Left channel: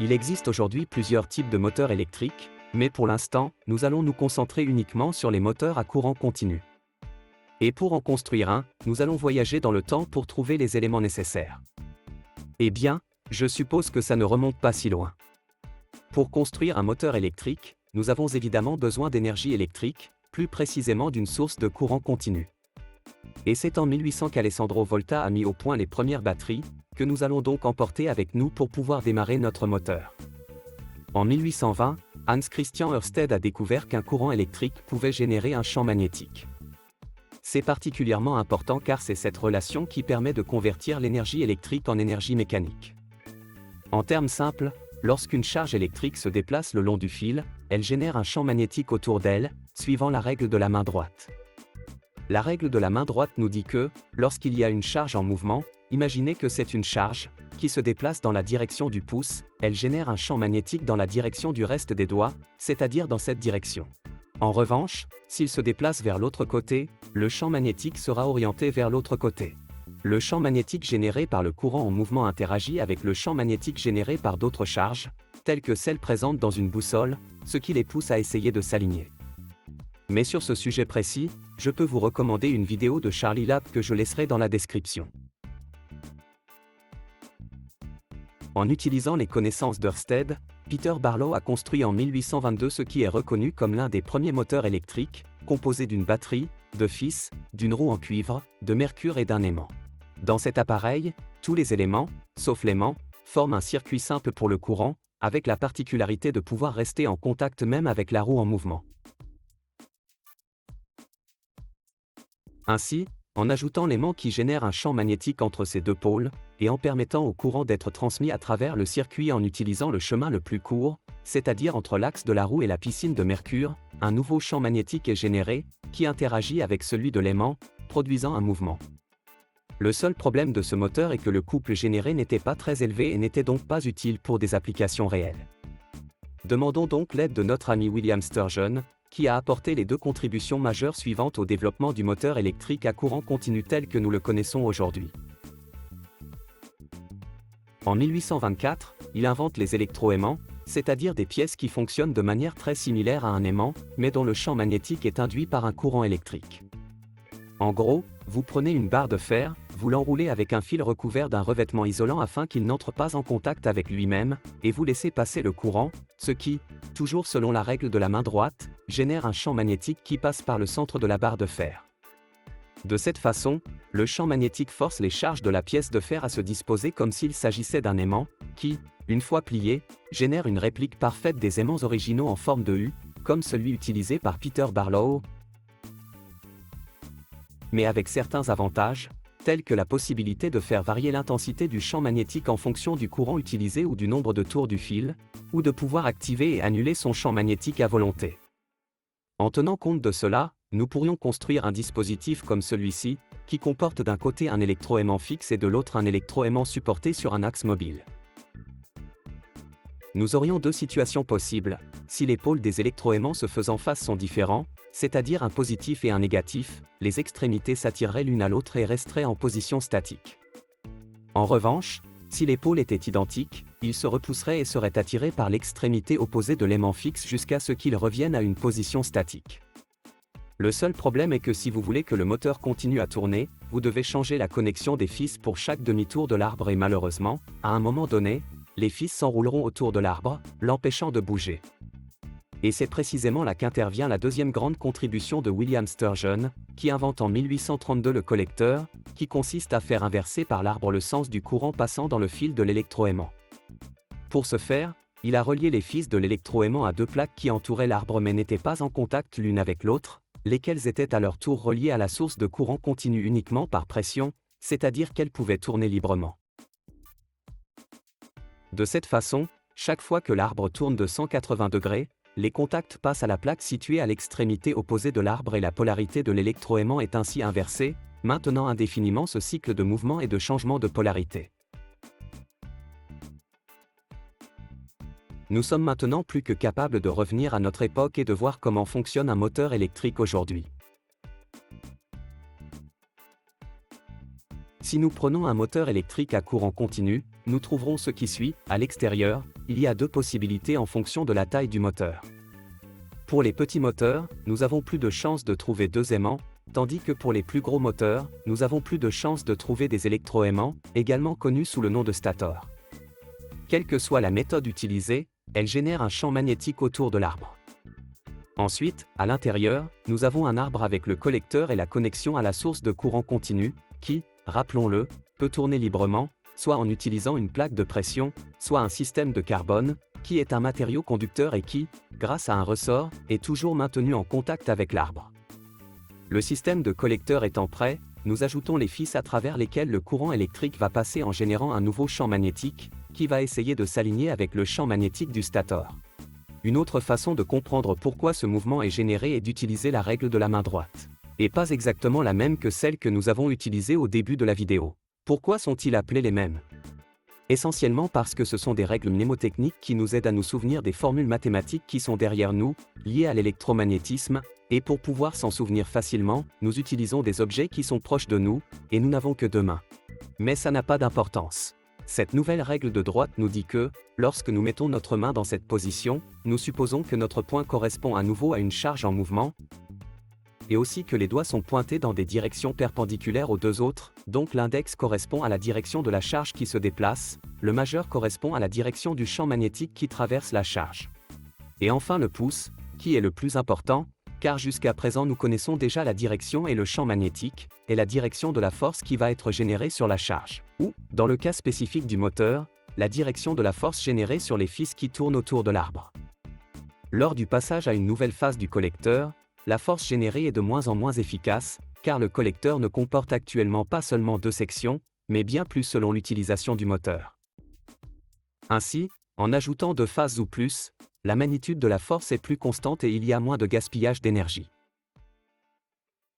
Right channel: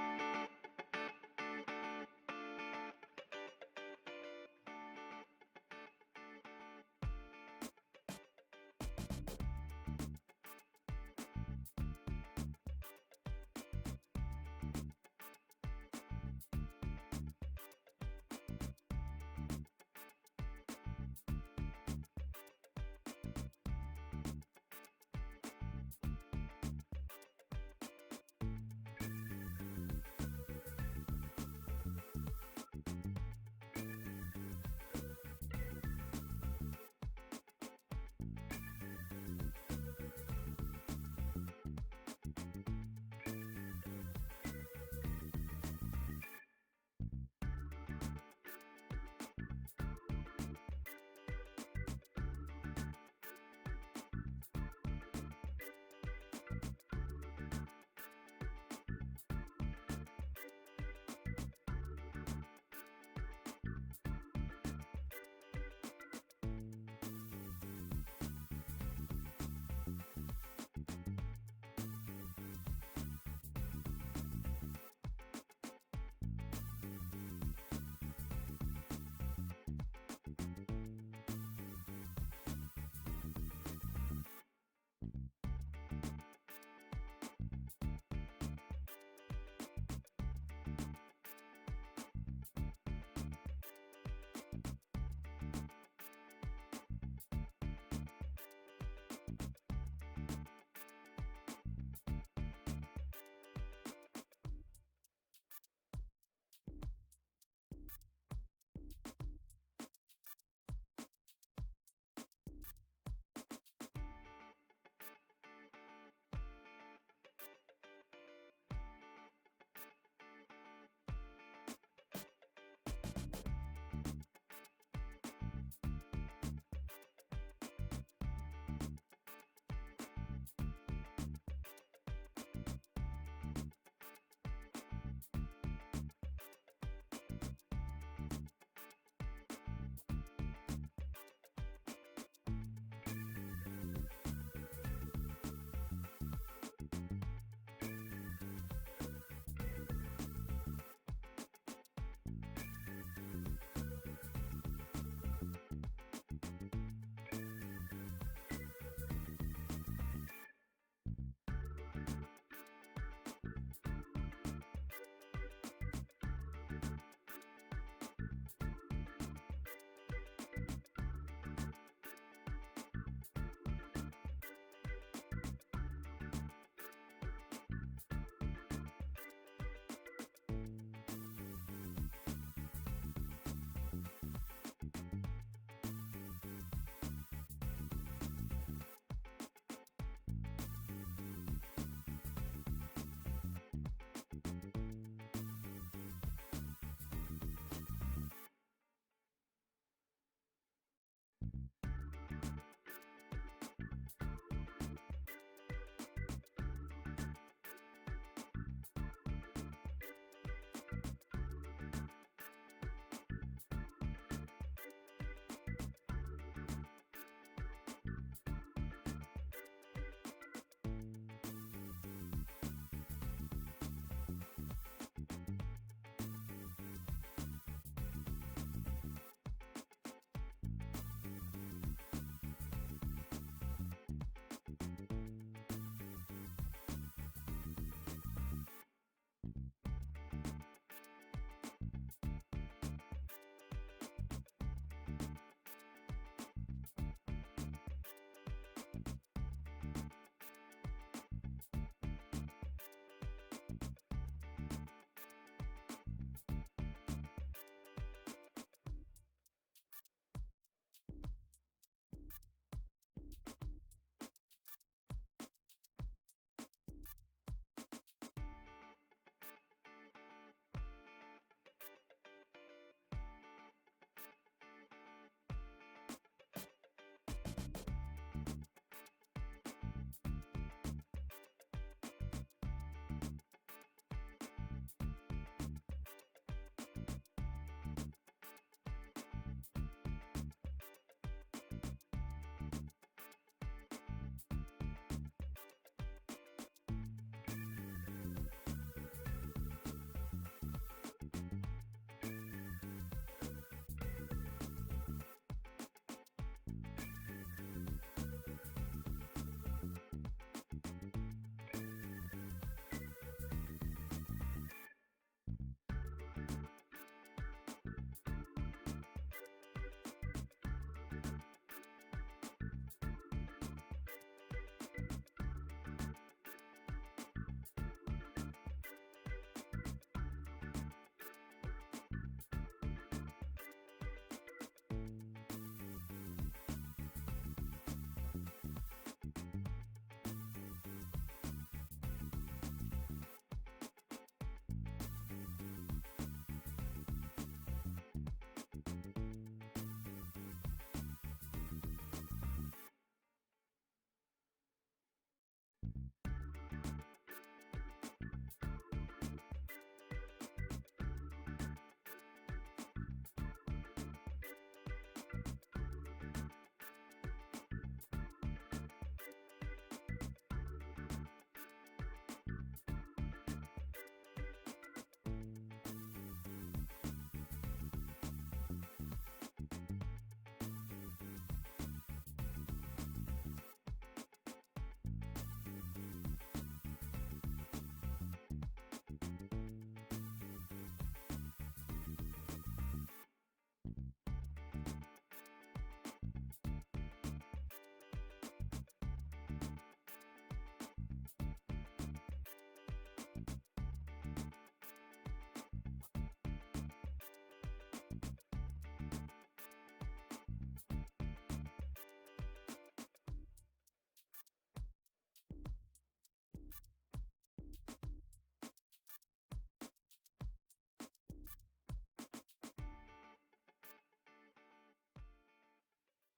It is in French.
Il existe aujourd'hui plusieurs types de moteurs électriques, mais pour l'instant, nous allons nous concentrer uniquement sur les moteurs à courant continu. Et pour en construire un, nous allons voyager dans le temps pour trouver les éléments nécessaires. Eh bien, je suppose que ça ne remonte pas si loin. Pour construire un moteur électrique, nous avons évidemment besoin d'énergie électrique, plus précisément d'une source de courant continu. Et c'est en 1800 qu'Alessandro Volta a mis au point les premières batteries, que nous allons donc emporter avec nous pour pouvoir démarrer notre moteur. En 1820, Hans Christian Ørsted a découvert qu'un courant électrique pouvait générer un champ magnétique. C'est particulièrement important car c'est cette relation qui permet de convertir l'énergie électrique en énergie mécanique. En termes simples, lorsqu'une charge électrique se déplace le long du fil, elle génère un champ magnétique autour d'elle, suivant la règle de la main droite. La règle de la main droite nous dit que, lorsqu'il y a une charge en mouvement, imaginez que c'est une charge qui se déplace dans la direction du pouce, elle génère un champ magnétique dans la direction du reste des doigts, c'est-à-dire dans cette direction. En revanche, s'il se déplace vers l'autre côté, le champ magnétique sera orienté vers l'autre côté. Le champ magnétique généré par le courant en mouvement interagit avec le champ magnétique généré par d'autres charges, telles que celles présentes dans une boussole, ce qui les pousse à essayer de s'aligner. Mais sur ce sujet précis, je peux vous recommander une vidéo de Charlie Lab que je laisserai dans la description. En utilisant les connaissances d'Ørsted, Peter Barlow a construit en 1822 ce qui est reconnu comme l'un des premiers moteurs électriques, composé d'une batterie, de fils, d'une roue en cuivre, de mercure et d'un aimant. Dans cet appareil, tous les éléments, sauf l'aimant, forment un circuit simple pour le courant, avec la particularité de pouvoir rester en contact même avec la roue en mouvement. Ainsi, en ajoutant l'aimant qui génère un champ magnétique entre ces deux pôles, et en permettant au courant d'être transmis à travers le circuit en utilisant le chemin le plus court, c'est-à-dire entre l'axe de la roue et la piscine de mercure, un nouveau champ magnétique est généré, qui interagit avec celui de l'aimant, produisant un mouvement. Le seul problème de ce moteur est que le couple généré n'était pas très élevé et n'était donc pas utile pour des applications réelles. Demandons donc l'aide de notre ami William Sturgeon, qui a apporté les deux contributions majeures suivantes au développement du moteur électrique à courant continu tel que nous le connaissons aujourd'hui. En 1824, il invente les électroaimants, c'est-à-dire des pièces qui fonctionnent de manière très similaire à un aimant, mais dont le champ magnétique est induit par un courant électrique. En gros, vous prenez une barre de fer, vous l'enroulez avec un fil recouvert d'un revêtement isolant afin qu'il n'entre pas en contact avec lui-même, et vous laissez passer le courant, ce qui, toujours selon la règle de la main droite, génère un champ magnétique qui passe par le centre de la barre de fer. De cette façon, le champ magnétique force les charges de la pièce de fer à se disposer comme s'il s'agissait d'un aimant, qui, une fois plié, génère une réplique parfaite des aimants originaux en forme de U, comme celui utilisé par Peter Barlow, mais avec certains avantages, tels que la possibilité de faire varier l'intensité du champ magnétique en fonction du courant utilisé ou du nombre de tours du fil, ou de pouvoir activer et annuler son champ magnétique à volonté. En tenant compte de cela, nous pourrions construire un dispositif comme celui-ci, qui comporte d'un côté un électroaimant fixe et de l'autre un électroaimant supporté sur un axe mobile. Nous aurions deux situations possibles, si les pôles des électroaimants se faisant face sont différents, c'est-à-dire un positif et un négatif, les extrémités s'attireraient l'une à l'autre et resteraient en position statique. En revanche, si les pôles étaient identiques, ils se repousseraient et seraient attirés par l'extrémité opposée de l'aimant fixe jusqu'à ce qu'ils reviennent à une position statique. Le seul problème est que si vous voulez que le moteur continue à tourner, vous devez changer la connexion des fils pour chaque demi-tour de l'arbre et malheureusement, à un moment donné, les fils s'enrouleront autour de l'arbre, l'empêchant de bouger. Et c'est précisément là qu'intervient la deuxième grande contribution de William Sturgeon, qui invente en 1832 le collecteur, qui consiste à faire inverser par l'arbre le sens du courant passant dans le fil de l'électroaimant. Pour ce faire, il a relié les fils de l'électroaimant à deux plaques qui entouraient l'arbre mais n'étaient pas en contact l'une avec l'autre, lesquelles étaient à leur tour reliées à la source de courant continu uniquement par pression, c'est-à-dire qu'elles pouvaient tourner librement. De cette façon, chaque fois que l'arbre tourne de 180 degrés, les contacts passent à la plaque située à l'extrémité opposée de l'arbre et la polarité de l'électroaimant est ainsi inversée, maintenant indéfiniment ce cycle de mouvement et de changement de polarité. Nous sommes maintenant plus que capables de revenir à notre époque et de voir comment fonctionne un moteur électrique aujourd'hui. Si nous prenons un moteur électrique à courant continu, nous trouverons ce qui suit. À l'extérieur, il y a deux possibilités en fonction de la taille du moteur. Pour les petits moteurs, nous avons plus de chances de trouver deux aimants, tandis que pour les plus gros moteurs, nous avons plus de chances de trouver des électroaimants, également connus sous le nom de stators. Quelle que soit la méthode utilisée, elle génère un champ magnétique autour de l'arbre. Ensuite, à l'intérieur, nous avons un arbre avec le collecteur et la connexion à la source de courant continu, qui, rappelons-le, peut tourner librement, soit en utilisant une plaque de pression, soit un système de carbone, qui est un matériau conducteur et qui, grâce à un ressort, est toujours maintenu en contact avec l'arbre. Le système de collecteur étant prêt, nous ajoutons les fils à travers lesquels le courant électrique va passer en générant un nouveau champ magnétique, qui va essayer de s'aligner avec le champ magnétique du stator. Une autre façon de comprendre pourquoi ce mouvement est généré est d'utiliser la règle de la main droite. Et pas exactement la même que celle que nous avons utilisée au début de la vidéo. Pourquoi sont-ils appelés les mêmes ? Essentiellement parce que ce sont des règles mnémotechniques qui nous aident à nous souvenir des formules mathématiques qui sont derrière nous, liées à l'électromagnétisme, et pour pouvoir s'en souvenir facilement, nous utilisons des objets qui sont proches de nous, et nous n'avons que deux mains. Mais ça n'a pas d'importance. Cette nouvelle règle de droite nous dit que, lorsque nous mettons notre main dans cette position, nous supposons que notre poing correspond à nouveau à une charge en mouvement, et aussi que les doigts sont pointés dans des directions perpendiculaires aux deux autres, donc l'index correspond à la direction de la charge qui se déplace, le majeur correspond à la direction du champ magnétique qui traverse la charge. Et enfin le pouce, qui est le plus important, car jusqu'à présent nous connaissons déjà la direction et le champ magnétique, et la direction de la force qui va être générée sur la charge, ou, dans le cas spécifique du moteur, la direction de la force générée sur les fils qui tournent autour de l'arbre. Lors du passage à une nouvelle phase du collecteur, la force générée est de moins en moins efficace, car le collecteur ne comporte actuellement pas seulement deux sections, mais bien plus selon l'utilisation du moteur. Ainsi, en ajoutant deux phases ou plus, la magnitude de la force est plus constante et il y a moins de gaspillage d'énergie.